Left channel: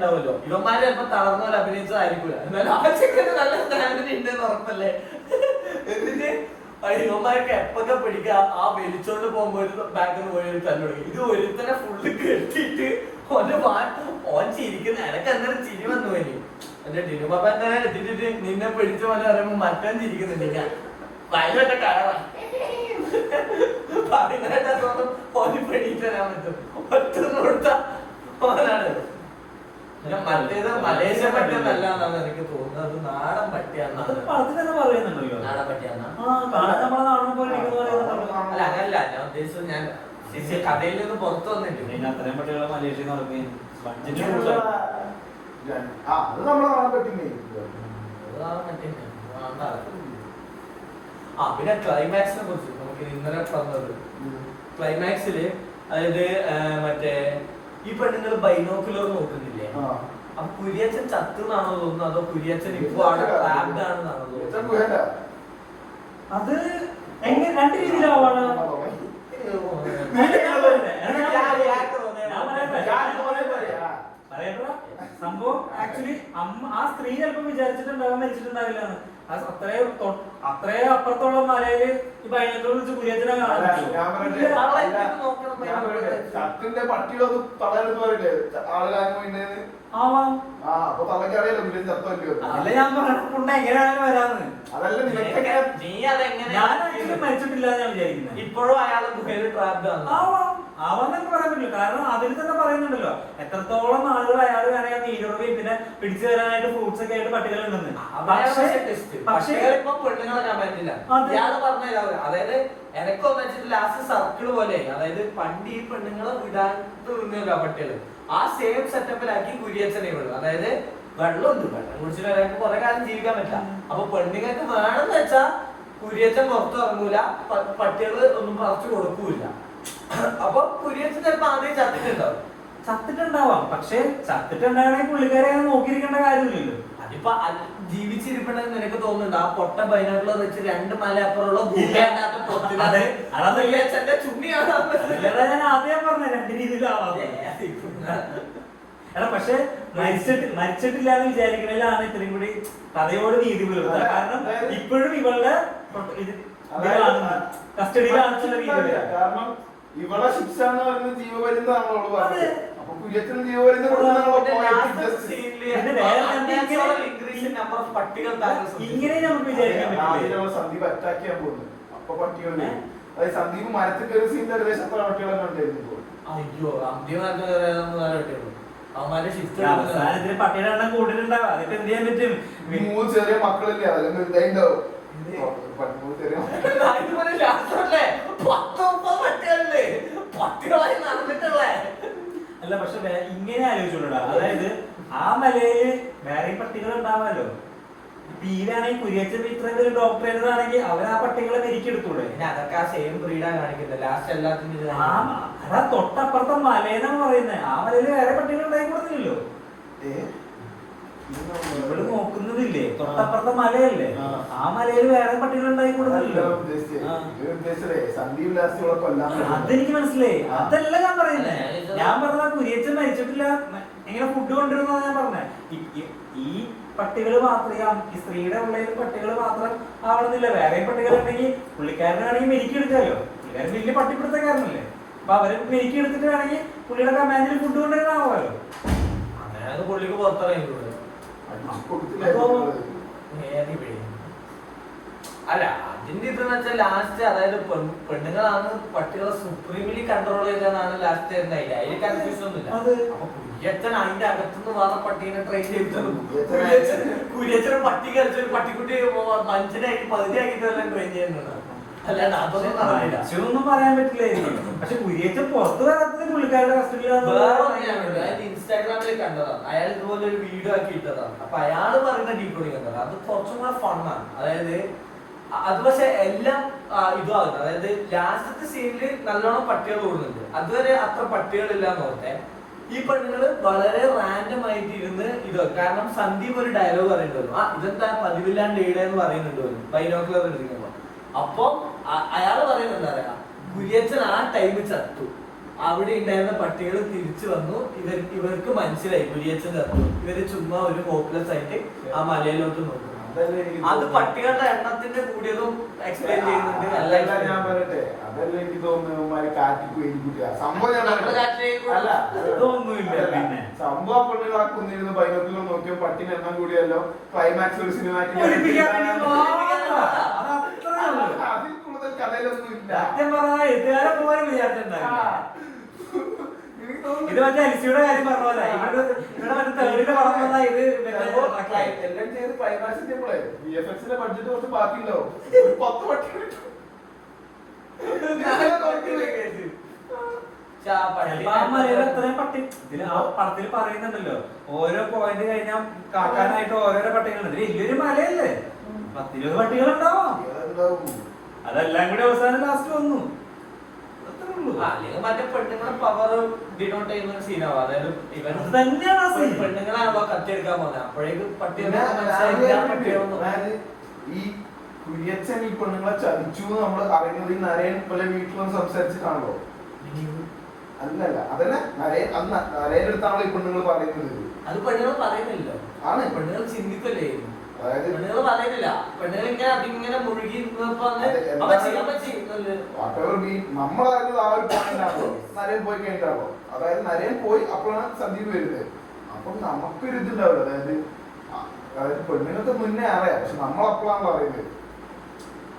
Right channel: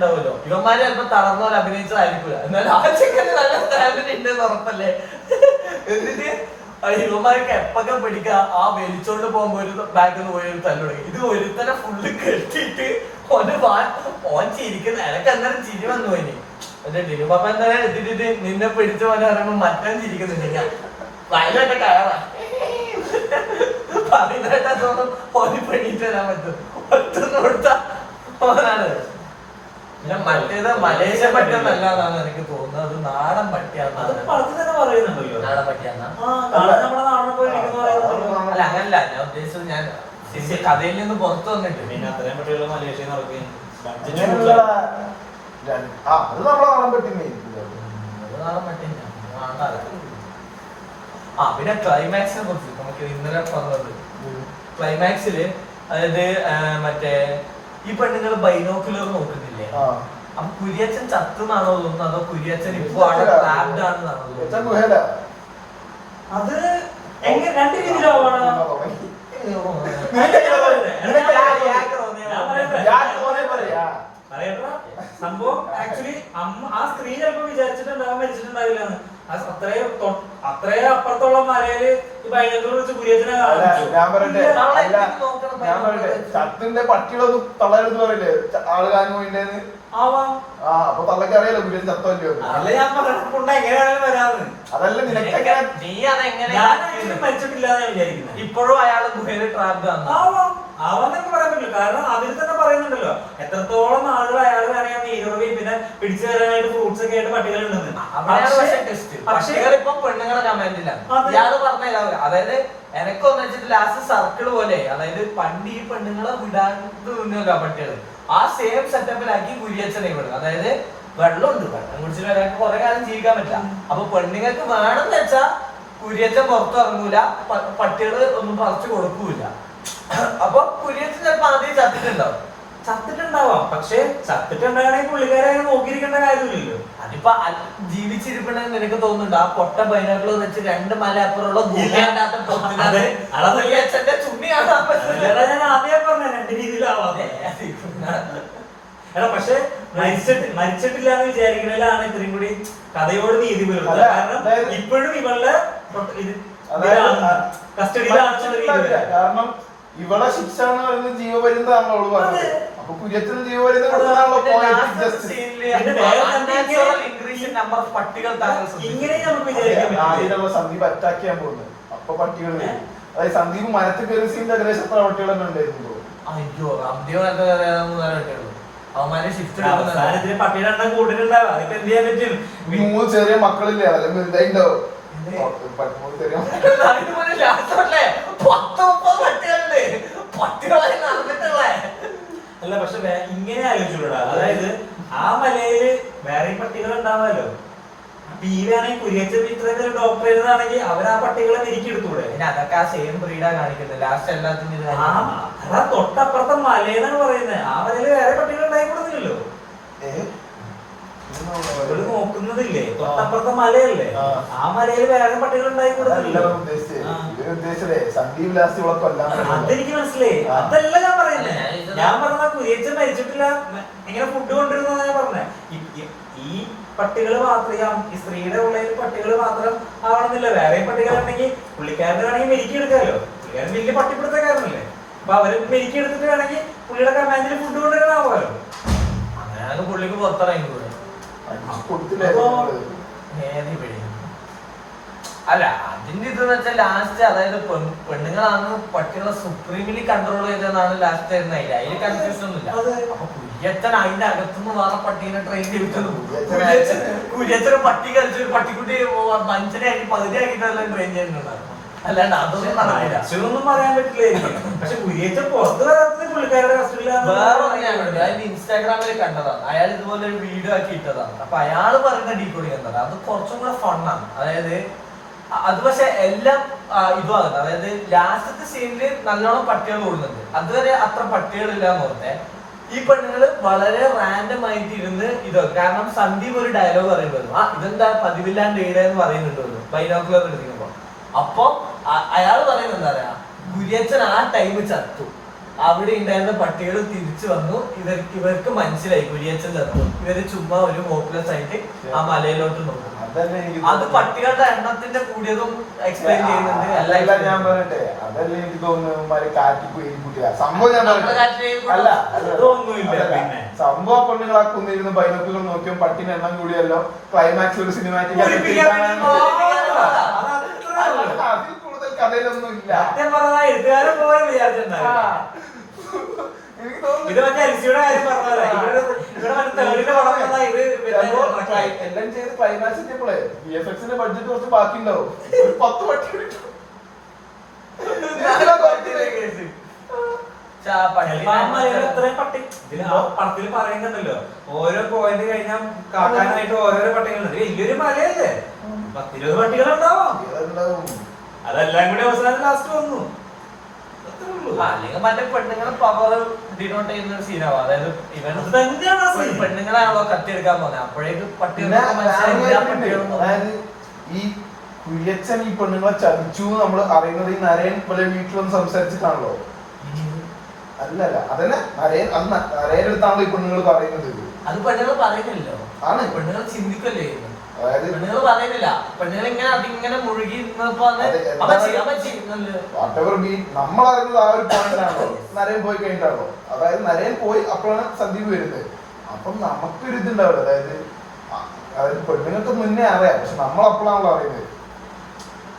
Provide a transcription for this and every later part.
ഉണ്ടാവുമല്ലോ, ഇവന്മാര് ചിലപ്പോ തളർന്ന പോലെ അഭിനയിച്ചതായിരിക്കില്ല, എന്നാലും ആ ചെക്കന് നല്ല സ്റ്റാമിന ഉണ്ടെന്ന് ഉറപ്പല്ലേ. എന്നിട്ട് ഇവന്മാർക്ക് എപ്പൊക്കെ പിടിക്കുക, ആ വലിച്ചോണ്ട് പോകുമ്പോ ഒരു ബാക്കിൽ നിന്ന് പോയി തല്ലു തുടങ്ങി. ഇത് ഒരുത്തനെ ഫുള്ള് കെട്ടിട്ട് ഓൻ ചിരിക്കുന്ന എനക്ക് അന്നേരം ചിരി വന്നു പോയി. മറ്റേ ടിനുപാപ്പ എന്തായാലും എത്തിട്ട് നിന്നെ പിടിച്ച പോലെ പറയുമ്പോ മറ്റാൻ ചിരിക്കുന്നുണ്ട്. വയലൊക്കെ കയറാ പറയുന്നതായിട്ട് തോന്നും ഓന് പെണീറ്റ് വരാൻ പറ്റും. ഒറ്റന്ന് കൊടുത്ത ഓനാണ്. പിന്നെ മറ്റേത് മലേഷ്യ പട്ടിയൊന്നല്ല എന്നാണ് എനിക്ക് തോന്നുന്നത്, അത് നാടൻ പട്ടിയാന്നാണ്. നാടൻ പട്ടിയാന്നാ? അല്ല അങ്ങനല്ല ഞാൻ ഉദ്ദേശിച്ചത്, ഞാൻ കഥയിൽ നിന്ന് പുറത്തു വന്നിട്ട് പിന്നെ ക്ലൈമാക്സിനെ കുറിച്ച് നമുക്ക് ഇന്നലെ പറഞ്ഞത്, ക്ലൈമാക്സില് അതായത് മറ്റേ ഈ പെണ്ണുങ്ങൾ ബൈനോക്കുലർ നോക്കുന്നില്ലേ, അപ്പൊ കുര്യച്ചൻ ചത്തുന്നാണോ തോന്നുന്നത്, അതോ കുര്യച്ചൻ ഇപ്പൊ അവിടെ ട്രാപ്ഡ് ആണെന്നാണോ തോന്നുന്നത്? അത് എങ്ങനെ രണ്ട് രീതിയിലാവാണ്. സംഭവം ആക്ച്വലി ആ സ്ത്രീ ചിലപ്പോ വിചാരിച്ചിട്ടുണ്ടാകാൻ മരിച്ചിട്ടുണ്ടാവില്ല. അത്രയും അപ്പുറത്തുള്ള മലയില് ഈ ബൈനോക്കുലർ വെച്ച് കുര്യച്ചനെ ചത്തിന്റെ പട്ടികളൊന്നും തള്ളരുന്ന് പറയില്ലേ ആള് കാണും പോയിട്ടേന്ന്. അപ്പൊ തള്ളക്ക് അറിയാലോ കുര്യൻ ചത്തല്ലോ. അതല്ല മരിച്ചിട്ടില്ല വിചാരിക്കുന്നത്. ഇപ്പോഴും അയാൾ ഗുഹയിൽ ട്രാപ്ഡ് ആവാന്നൊക്കെ പറയാൻ പറ്റില്ല. കാരണം അതിൽ തന്നെ പറയുന്നുണ്ടല്ലോ എത്രത്തോളം ആളുകൾ അയാൾ വേണമെങ്കിൽ നീരുറവി പിന്നെ പിടിച്ചു തരാനായിട്ട് ഫ്രൂട്ട്സ് ഒക്കെ ആയിട്ട് പട്ടികളുണ്ടെന്ന്. പക്ഷേ ഇപ്പൊ പെണ്ണുങ്ങളെ കമന്റില്ല ഇയാള് പറഞ്ഞ, അതായത് എനക്കൊന്നു വെച്ചിട്ട് ലാസ്റ്റ് സർക്കിൾ പോലെ, അതായത് പണ്ട് ഈ പെണ്ണുങ്ങളെ വിടാണ്ട് നിന്നല്ലോ പട്ടികള്, ആ സെയിം സെറ്റപ്പിലാക്കി കുര്യച്ചനെ വിടും. അതായത് വെള്ളമുണ്ട്, വെള്ളം കുടിച്ചിട്ട് ഒരാൾക്ക് കുറെ കാലം ജീവിക്കാൻ പറ്റില്ല. അപ്പൊ പെണ്ണുങ്ങൾക്ക് വേണമെന്ന് വെച്ചാ കുര്യച്ചൻ പുറത്തു ഇറങ്ങൂല, പട്ടികള് ഒന്നും പറിച്ചു കൊടുക്കൂല. അപ്പൊ കുര്യച്ചൻ ചിലപ്പോ ആദ്യം ചത്തിട്ടുണ്ടാവാം. പക്ഷെ ചത്തിട്ടുണ്ടാകണമെങ്കിൽ പുള്ളിക്കാരെ നോക്കിയിരിക്കേണ്ട കാര്യമില്ലല്ലോ. അതിപ്പോ ജീവിച്ചിരിപ്പണെന്ന് നിനക്ക് തോന്നുന്നുണ്ട്? ആ പൊട്ട ബൈനോക്കുലർ വെച്ച് 2 മല അപ്പുറമുള്ള കുര്യച്ചന്റെ ചുണ്ണി കാണാൻ പറ്റില്ല. ഞാൻ ആദ്യം പറഞ്ഞ 2 രീതിയിലാവാം. എടാ പക്ഷെ മരിച്ചിട്ടില്ല എന്ന് വിചാരിക്കണേലാണ് ഇത്രയും കൂടി കഥയോട് നീതി പുലർത്തുക. കാരണം ഇപ്പോഴും ഇവളുടെ കസ്റ്റഡിയിലാണ്. കാരണം ഇവളെ ശിക്ഷ എന്ന് പറയുന്നത് ജീവപര്യന്തമാണല്ലോ അവള് പറഞ്ഞത്. അപ്പൊ കുര്യത്തിന് ജീവപര്യന്തം സന്ദീപ് അറ്റാക്ക് ചെയ്യാൻ പോകുന്നത്. അപ്പൊ പട്ടികള് അതായത് സന്ദീപ് മരത്തിൽ കയറി സീനിന്റെ ഏകദേശം എത്ര പട്ടികൾ തന്നെ ഉണ്ടായിരുന്നു. അയ്യോ അവന്മാരെ ഷിഫ്റ്റ് ചെറിയ മക്കളില്ലേ അതെല്ലാം വലുതായിണ്ടാവും. അല്ല പക്ഷെ ഇങ്ങനെ ആലോചിച്ചോളൂടാ, അതായത് ആ മലയില് വേറെ പട്ടികൾ ഉണ്ടാവാമല്ലോ. ഈ വേണമെങ്കിൽ കുര്യച്ചൻ ഇത്രയും പേര് ഡോക്ടർ ചെയ്തതാണെങ്കിൽ അവർ ആ പട്ടികളെ മെരുക്കിയെടുത്തൂടെ? അതൊക്കെ ആ സെയിം ബ്രീഡാ കാണിക്കുന്നത് ലാസ്റ്റ് എല്ലാത്തിനും. അതാ തൊട്ടപ്പുറത്തെ മലയെന്നാണ് പറയുന്നത്. ആ മലയില് വേറെ പട്ടികൾ ഉണ്ടായിക്കൊടുന്നില്ലല്ലോ. ഇവിടെ നോക്കുന്നതില്ലേ തൊട്ടപ്പുറത്തെ മലയല്ലേ, ആ മലയിൽ വേറെ പട്ടികൾ ഉണ്ടായിക്കൊടുന്നില്ലല്ലോ. അതെനിക്ക് മനസ്സിലായി. അതല്ല ഞാൻ പറയുന്നേ. ഞാൻ പറഞ്ഞ കുര്യച്ചൻ മരിച്ചിട്ടില്ല, എങ്ങനെ ഫുഡ് കൊണ്ടിരുന്ന ഞാൻ പറഞ്ഞേ. ഈ പട്ടികൾ മാത്രം, ഈ സ്ത്രീയുടെ ഉള്ളിൽ പട്ടികൾ മാത്രം ആവണമെന്നില്ല. വേറെ പട്ടികളുണ്ടെങ്കിൽ പുള്ളിക്കാരനാണെങ്കിൽ മെരുക്കിയെടുക്കാമല്ലോ. പുള്ളിക്കാരൻ വലിയ പട്ടിപ്പിടുത്തക്കാരനല്ലേ. അപ്പൊ അവര് മെരുക്കിയെടുത്തിട്ട് വേണമെങ്കിൽ പുള്ളിയുടെ കമാൻഡിൽ ഫുഡ് കൊണ്ടുവരാനാവുമല്ലോ. അങ്ങനെ പുള്ളിക്ക് പുറത്തിറങ്ങിക്കൂടെ? അല്ല അതിന്റെ ഇതെന്ന് വെച്ചാൽ ലാസ്റ്റ് അതായത് പെണ്ണുങ്ങളാണ് പട്ടികളെ സുപ്രീംലി കൺട്രോൾ ചെയ്തതെന്നാണ് ലാസ്റ്റ് വരുന്നത്. അതിൽ കൺഫ്യൂഷൻ ഒന്നുമില്ല. അപ്പൊ കുര്യച്ചൻ അതിന്റെ അകത്തുനിന്ന് വേറെ പട്ടീനെ ട്രെയിൻ ചെയ്തിട്ട് കുര്യച്ചനും പട്ടി കളിച്ചൊരു പട്ടിക്കുട്ടി മനുഷ്യനാക്കി പകുതിയാക്കിട്ടെല്ലാം ട്രെയിൻ ചെയ്യുന്നുണ്ടാണ്. അല്ലാണ്ട് അതൊന്നും നടക്കില്ല. ഒന്നും പറയാൻ പറ്റില്ല. പക്ഷെ കുര്യച്ചൻ പുറത്ത് വരാത്തതിന് പുള്ളിക്കാരുടെ വേറെ അതിന്റെ ഇൻസ്റ്റാഗ്രാമിൽ കണ്ടതാണ്. അയാൾ ഇതുപോലെ ഒരു വീഡിയോ ആക്കി ഇട്ടതാണ്. അപ്പൊ അയാള് പറയുന്ന ഡീക്കോഡിങ് എന്താണ്, അത് കുറച്ചും കൂടെ ഫണ്ണാണ്. അതായത് അത് പക്ഷെ എല്ലാം ഇതുമാകുന്നത്, അതായത് ലാസ്റ്റത്തെ സീനില് നല്ലോണം പട്ടികൾ കൂടുന്നുണ്ട്. അതുവരെ അത്ര പട്ടികളില്ല എന്ന് പറഞ്ഞേ. ഈ പെണ്ണുങ്ങള് വളരെ റാൻഡം ആയിട്ട് ഇരുന്ന് ഇതോ, കാരണം സന്ദീപ് ഒരു ഡയലോഗ് പറയുന്നുണ്ടല്ലോ, ഇതെന്താ പതിവില്ലാണ്ട് എന്ന് പറയുന്നുണ്ടല്ലോ ബൈനോക്കുലർ എടുക്കുമ്പോ. അപ്പൊ അയാള് പറയുന്നത് എന്താ പറയാ, കുര്യച്ചൻ ആ ടൈം ചത്തു. അവിടെ ഉണ്ടായിരുന്ന പട്ടികൾ തിരിച്ചു വന്നു. ഇവർക്ക് മനസ്സിലായി കുര്യച്ചൻ ചത്തു. ഇവര് ചുമ്മാ ഒരു ഹോപ്പ്ലെസ് ആയിട്ട് ആ മലയിലോട്ട് നോക്കും. അത് പട്ടികളുടെ എണ്ണത്തിന്റെ കൂടിയതും എക്സ്പ്ലെയിൻ ചെയ്യുന്നുണ്ട്. അല്ല ഞാൻ പറയട്ടെ, അതല്ല എനിക്ക് തോന്നുന്നു കാറ്റിപ്പോയി സംഭവം. ഞാൻ അല്ല സംഭവം പെണ്ണുങ്ങൾ ആ കുന്നിരുന്ന് ബൈനോക്കുലർ നോക്കിയോ പട്ടിന് എണ്ണം കൂടിയല്ലോ. ക്ലൈമാക്സ് ഒരു സിനിമാറ്റിക് അതിൽ കൂടുതൽ കഥയിലൊന്നും ഇല്ല. ഇത് മറ്റേ എൽസിയുടെ കാര്യം പറഞ്ഞതല്ലേ, എല്ലാം ചെയ്ത് ക്ലൈമാക്സിന്റെ VFX-ന്റെ ബഡ്ജറ്റ് കുറച്ച് ബാക്കി ഉണ്ടാവും. ഒരു 10 പട്ടി പടത്തിൽ പറയുന്നുണ്ടല്ലോ, ഓരോ പോയിന്റ് കഴിഞ്ഞാൽ കാക്കാനായിട്ട് ഓരോരോ പട്ടികളുണ്ട്. വലിയൊരു മലയല്ലേ, 10-20 പട്ടികളുണ്ടാവും. അതെല്ലാം കൂടി അവസാനം ലാസ്റ്റ് വന്നു. അല്ലെങ്കിൽ മറ്റേ പെണ്ണുങ്ങളെ പവർ ഡിനോട്ട് ചെയ്യുന്ന സീനാവും. അതായത് ഇവൻ പെണ്ണുങ്ങളാണല്ലോ കത്തിയെടുക്കാൻ പോകുന്നത്. അപ്പോഴേക്കും പട്ടികൾ അതായത് ഈ കുര്യച്ചൻ ഈ പെണ്ണുങ്ങളെ ചതിച്ചു നമ്മൾ അറിയുന്നത് ഈ നരയൻ പോലെ വീട്ടിലൊന്നും സംസാരിച്ചിട്ടാണല്ലോ. അല്ലല്ല അതന്നെ നരയൻ എടുത്താണല്ലോ ഈ പെണ്ണുങ്ങൾ പറയുന്നത്. അത് പെണ്ണുങ്ങൾ പറയുന്നില്ലല്ലോ, ആണ് പെണ്ണുങ്ങൾ ചിന്തിക്കല്ലേ. അതായത് പെണ്ണുങ്ങൾ പറയുന്നില്ല, പെണ്ണുങ്ങൾ ഇങ്ങനെ അതിങ്ങനെ മുഴുകി നമ്മളറിയുന്നത് ആ ഒരു പോയിന്റാണല്ലോ. നരയൻ പോയി കഴിഞ്ഞിട്ടാണല്ലോ. അതായത് നരയൻ പോയി അപ്പോഴാണ് സന്ദീപ് വരുന്നത്. അപ്പം നമുക്കൊരു ഇതുണ്ടാവില്ല. അതായത് പെണ്ണുങ്ങൾക്ക് മുന്നേ അറിയാം, പക്ഷെ നമ്മൾ അപ്പോഴാണല്ലോ അറിയുന്നത്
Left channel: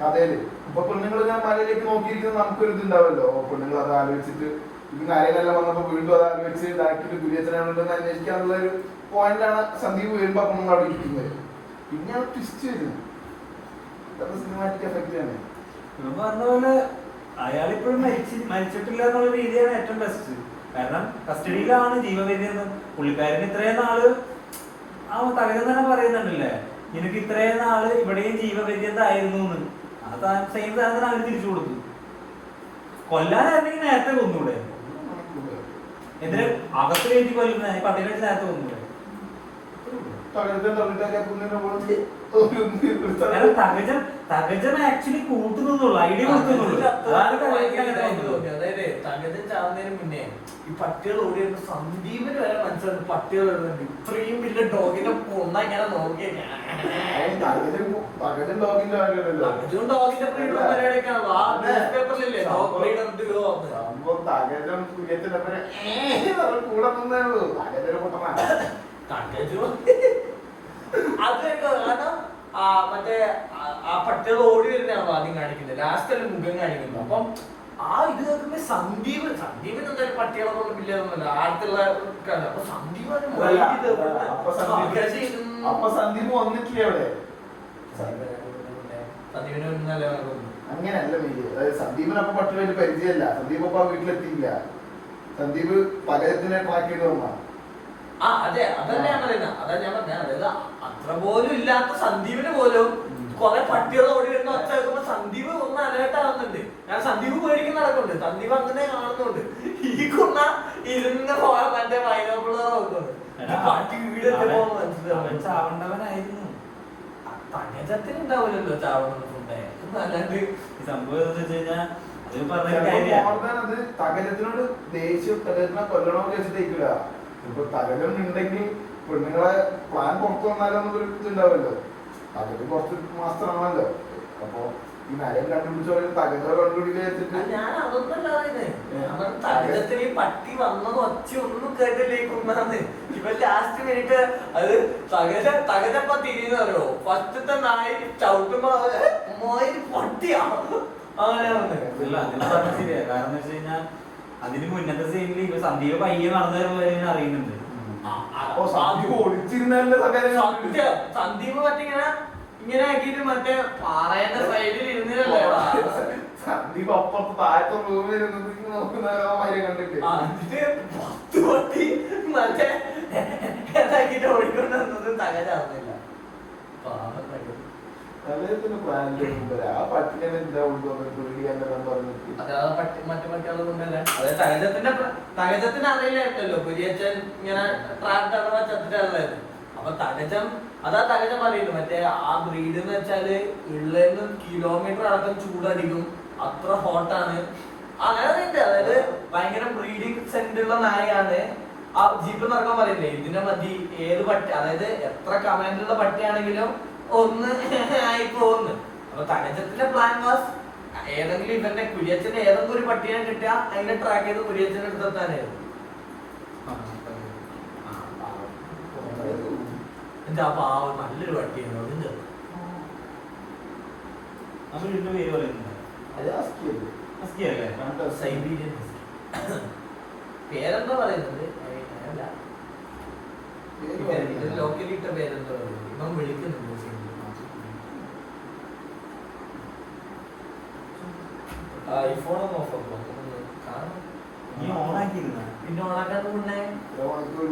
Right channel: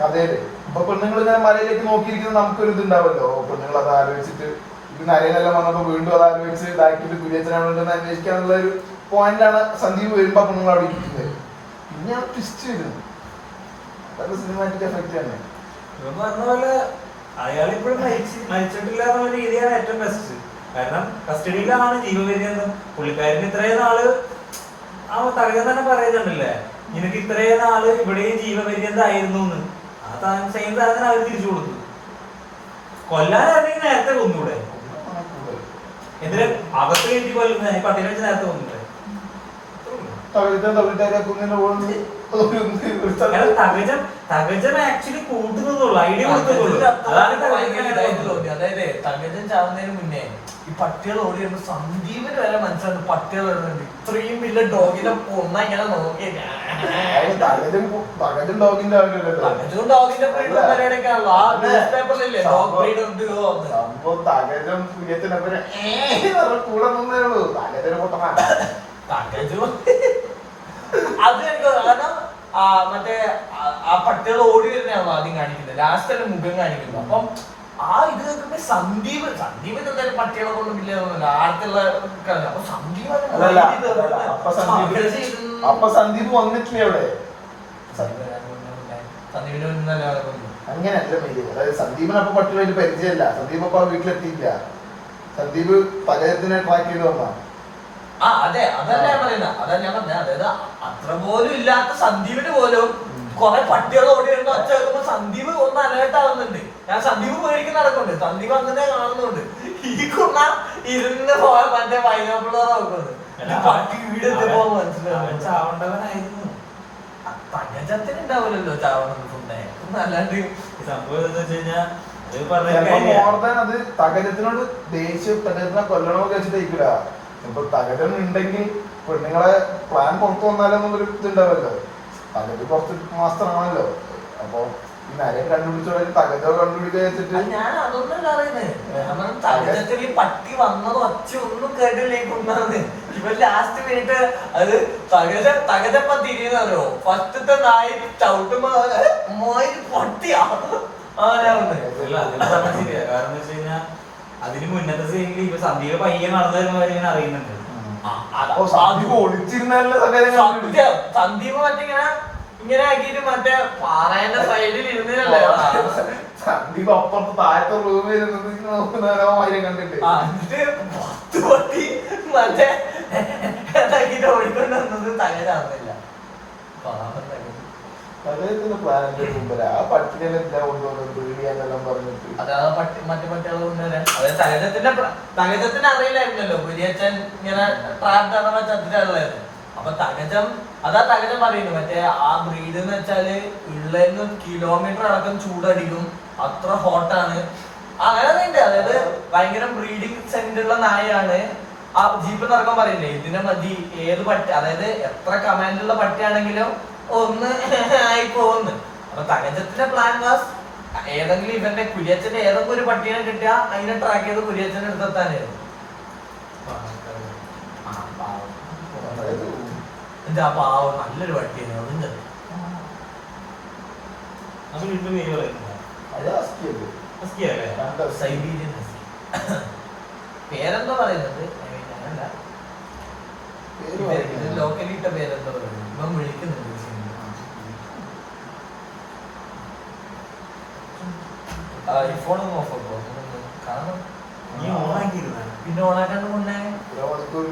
കഥയില്. ഇപ്പൊ പെണ്ണുങ്ങൾ ഇങ്ങനെ മലയിലേക്ക് നോക്കിയിരിക്കുന്നത് നമുക്കൊരു ഇതുണ്ടാവല്ലോ. പെണ്ണുങ്ങൾ അത് ആലോചിച്ചിട്ട് ഇപ്പൊ നരയനെല്ലാം വന്നപ്പോ വീണ്ടും അത് ആലോചിച്ച് ഇതാക്കിയിട്ട് കുര്യച്ചനാണെന്ന് അന്വേഷിക്കാനുള്ള ഒരു പോയിന്റാണ് സന്ദീപ് വരുമ്പോ പെണ്ണുങ്ങൾ അവിടെ ഇരിക്കുന്നത്. പിന്നെ ആ ട്വിസ്റ്റ് വരുന്നു, അതൊക്കെ സിനിമാറ്റിക് എഫക്റ്റ് ആണ്. പറഞ്ഞ പോലെ അയാളിപ്പോഴും മരിച്ചിട്ടില്ല എന്നുള്ള രീതിയാണ് ഏറ്റവും ബെസ്റ്റ്. കാരണം കസ്റ്റഡിയിലാണ് ജീവപര്യന്തം. പുള്ളിക്കാരന് ഇത്രയും നാള് ആ തകരം തന്നെ പറയുന്നുണ്ടല്ലേ, നിനക്ക് ഇത്രയും നാള് ഇവിടെയും ജീവപര്യന്തമായിരുന്നു എന്ന്. ആ സെയിം സാധനം അവർ തിരിച്ചു കൊടുത്തു. കൊല്ലാനായിരുന്നെങ്കിൽ നേരത്തെ കൊന്നൂടെ, എന്തിനാ അകത്ത് കയറ്റി കൊല്ലുന്ന പട്ടികടിച്ച് നേരത്തെ കൊന്നൂടെ. തകജം ആക്ച്വലി കൂട്ടുന്നുള്ളൂ, ഐഡിയ കൊടുക്കുന്നുള്ളൂ. അതായത് തകജൻ ചാവുന്നതിന് മുന്നേ ഈ പട്ടികൾ ഓടി വരുമ്പോ സന്ദീപിന് വരെ മനസ്സിലായി പട്ടികൾ വരുന്നുണ്ട്. ഇത്രയും വലിയ ഡോഗിനെ ഒന്നാ ഇങ്ങനെ നോക്കിയ തകജൻ ഡോഗിന്റെ തകജും ഡോഗിന്റെ പരിപാടിയൊക്കെയാണല്ലോ. ആ ന്യൂസ് പേപ്പറിലില്ലേ ഡോഗ് ബ്രീഡ് ഉണ്ട്. തകജം കുര്യത്തിനപ്പനെ കൂടെ നിന്നേ ഉള്ളൂ. തകജന് പൊട്ടമാ തകജു അത് എനിക്ക് കാരണം മറ്റേ ആ പട്ടികൾ ഓടി വരുന്നതാണല്ലോ ആദ്യം കാണിക്കുന്നത്. ലാസ്റ്റ് അല്ല മുഖം കാണിക്കുന്നത്. അപ്പം ആ ഇത് കേൾക്കുമ്പോ സന്ദീപ് എന്തായാലും പട്ടികളെ കൊണ്ടും ഇല്ലെന്നല്ല ആർക്കുള്ള അപ്പൊ സന്ദീപ് വന്നിട്ടില്ലേ അവിടെ. സന്ദീപിന് മുന്നല്ല അങ്ങനെയല്ല മെയിൻ. അതായത് സന്ദീപിന് അപ്പൊ പട്ടിയുമായിട്ട് പരിചയമല്ല. സന്ദീപ് അപ്പൊ വീട്ടിലെത്തിയില്ല. സന്ദീപ് പലയത്തിനെ ട്രാക്ക് ചെയ്ത് വന്നാ. അതെ അതല്ല ഞാൻ പറയുന്നത്. അതായത് അത്ര പോലും ഇല്ലാത്ത സന്ദീപിന് പോലും കുറെ പട്ടികൾ ഓടി വരുന്ന ഒച്ച കേൾക്കുമ്പോ സന്ദീപ് ഒന്ന് അലേർട്ട് ആവുന്നുണ്ട്. ഞാൻ സന്ദീപ് പേടിക്കുന്ന നടക്കുന്നുണ്ട്, സന്ദീപ് അങ്ങനെ കാണുന്നുണ്ട്. ഈ കുണ്ണ ഇരുന്ന് പോയ മറ്റേ വൈനപ്പിള്ളറ നോക്കുന്നത് പട്ടി വീട് എത്തിയപ്പോ മനസ്സിലാവും ചാവണ്ടവനായിരുന്നു. തകജത്തിന് ഉണ്ടാവില്ലല്ലോ ചാവണം അല്ലാണ്ട് സംഭവം എന്താ വെച്ച് കഴിഞ്ഞാൽ അത് തകജത്തിനോട് ദേഷ്യം തകജത്തിനെ കൊല്ലണമൊക്കെ വെച്ചിട്ടേക്കില്ല. ഇപ്പൊ തകജം ഉണ്ടെങ്കിൽ പെണ്ണുങ്ങളെ പ്ലാൻ പുറത്തു വന്നാലൊന്നും ഒരു ഇതുണ്ടാവല്ലോ. തകജ് കുറച്ച് മാസ്റ്റർ ആണല്ലോ. അപ്പൊ ഈ നരയും കണ്ടുപിടിച്ചോ തകജോ കണ്ടുപിടിക്കുക വെച്ചിട്ട് ഞാൻ അതൊന്നല്ല പറയുന്നത്. തകജത്തിന് ഈ പട്ടി വന്നത് ഒച്ച ഒന്നും കേട്ടില്ലേ കൊണ്ടാന്ന്. ഇവ ലാസ്റ്റ് മിനിറ്റ് അത് തകജപ്പ തിരിയുന്നറിയോ. ഫസ്റ്റത്തെ നായി ചവിട്ടുമ്പോ മോയി പട്ടിയാ അങ്ങനെ ശരിയാ. കാരണം വെച്ച് കഴിഞ്ഞാൽ അതിന് മുന്നത്തെ സീനിൽ ഇപ്പൊ സന്ദീപ് പയ്യെ നടന്നു വരുന്ന കാര്യം ഇങ്ങനെ അറിയുന്നുണ്ട്. സന്ദീപ് മറ്റിങ്ങനെ ഇങ്ങനെ ആക്കിട്ട് മറ്റേ പാറേന്റെ സൈഡിൽ ഇരുന്നില്ലല്ലേ സന്ദീപ് അപ്പുറത്ത് താഴത്തെ റൂമിൽ കണ്ടിട്ട് പൊട്ടി മറ്റേ ഇതാക്കിട്ട് ഓടിക്കൊണ്ട് വന്നത് തകരാറില്ല. മറ്റു പട്ടികൾ കൊണ്ടുവരാൻ അതായത് തകജത്തിന് അറിയില്ലായിരുന്നല്ലോ കുര്യച്ചൻ ഇങ്ങനെ ട്രാപ്പ് അഥവാ ചത്തിട്ടുള്ളത്. അപ്പൊ തകജം പറയുന്നു മറ്റേ ആ ബ്രീഡ് എന്ന് വെച്ചാല് ഉള്ളതിന് കിലോമീറ്റർ അടക്കം ചൂടടിക്കും, അത്ര ഹോട്ടാണ്. അങ്ങനെ ഉണ്ട്. അതായത് ഭയങ്കര ബ്രീഡിംഗ് സെന്റുള്ള നായയാണ്. ആ ജീപ്പ് നടക്കാൻ പറയില്ലേ, ഇതിനെ മതി ഏത് പട്ടി, അതായത് എത്ര കമാൻഡുള്ള പട്ടിയാണെങ്കിലും ഒന്ന് ആയി പോകുന്നു. അപ്പൊ തങ്കച്ചത്തിന്റെ പ്ലാൻ വാസ് ഏതെങ്കിലും ഇവന്റെ കുര്യച്ചന്റെ ഏതെങ്കിലും ഒരു പട്ടീനെ കിട്ടിയാ അതിനെ ട്രാക്ക് ചെയ്ത് കുര്യച്ചന്റെ അടുത്തെത്താനായിരുന്നു. എന്താ പാവം നല്ലൊരു പട്ടിയാണ്. അതുണ്ട് അത് വീട്ടിൽ പേര് പറയുന്നത് സൈബീരിയൻ പേരെന്തോ പറയുന്നത് ലോക്കലി ഇട്ട പേരെന്തോ പറയുന്നത്. ഇവൻ വിളിക്കുന്നുണ്ട് ഐഫോണൊന്നും ഓഫാക്കോ കാരണം നീ ഓണാക്കിയിരുന്ന പിന്നെ ഓണാക്കാണ്ട് കൊണ്ടേ മണിക്കൂർ